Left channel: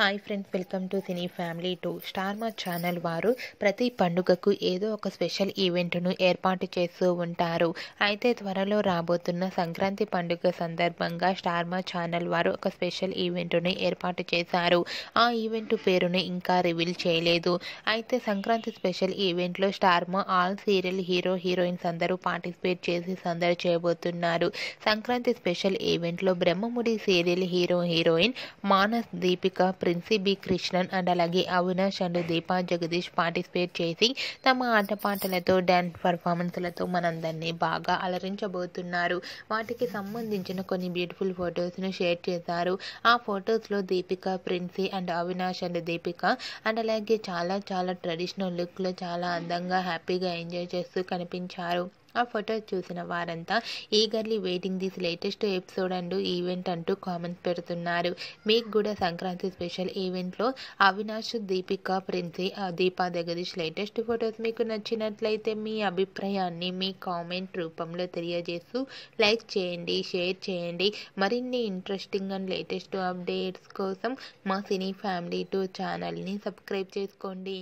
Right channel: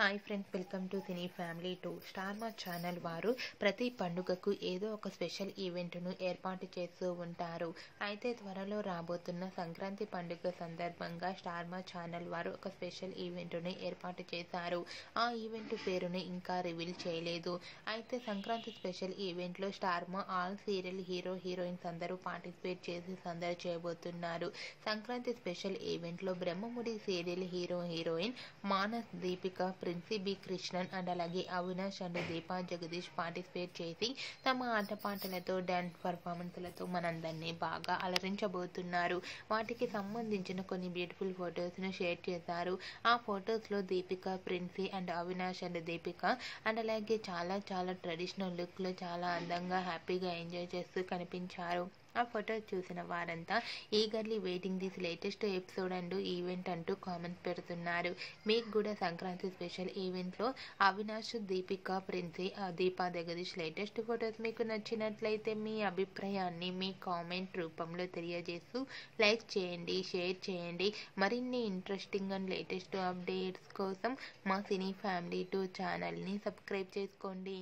Hi friends, welcome to cine family two. Star మా channel వారు ప్రతి పండుగకు ఏదో ఒక స్పెషల్ ఈవెంట్ను ఏర్పాటు చేస్తూ ఉంటారు. అయితే త్వరలో రాబోతున్న సంక్రాంతి పండుగ సందర్భంగా స్టార్ మా ఛానల్ వారు ఒక స్పెషల్ ఈవెంట్ను ఏర్పాటు చేశారు. ఆ ఈవెంట్ పేరుని ఇంకా రివీల్ చేయలేదు. అయితే సంక్రాంతి స్పెషల్ ఈవెంట్లో Star Maa all serial hero heroines అందరూ పార్టిసిపేట్ చేసి సందడి చేయబోతున్నారు. సంక్రాంతి స్పెషల్ ఈవెంట్లో Brahmamudi serial hero heroine Manas, Deepika, Princy B Krishnan and అలాగే అవినాష్ అండ్ దీపా జగదీష్ పార్టిసిపేట్ చేసి తమ ఆటపాటలతో డ్యాన్స్ పర్ఫార్మెన్స్లతో మనందరినీ బాగా అలరించబోతున్నారు. వాటికి సంబంధించిన కొన్ని బ్యూటిఫుల్ ఫొటోస్ను షేర్ చేశారు. ఆ ఫొటోస్లో Deepika, Princy and Avinash and Deepika and అలాగే చాలా ట్రెడిషనల్ లుక్లో చాలా అందంగా హ్యాపీగా ఎంజాయ్ చేస్తూ కనిపించారు. ఆ ఫొటోస్ చూసిన వారంతా eagerly waiting this latest episode and event అంటూ కామెంట్స్ పెడుతున్నారు. మీకు కూడా సంక్రాంతి స్పెషల్ ఈవెంట్లో అవినాష్, దీపిక, ప్రిన్సీ, దీపా జగదీష్ లేటెస్ట్ ఫొటోస్ మీకు నచ్చినట్లయితే మీ అభిప్రాయాన్ని మీ కామెంట్ రూపంలో తెలియజేస్తూ లైక్ చేయండి, షేర్ చేయండి. మరిన్ని ఇంట్రెస్టింగ్ అండ్ లేటెస్ట్ అప్డేట్స్ కోసం మా సినీ ఫ్యామిలీ 2 ఛానల్ని సబ్స్క్రైబ్ చేసుకోండి.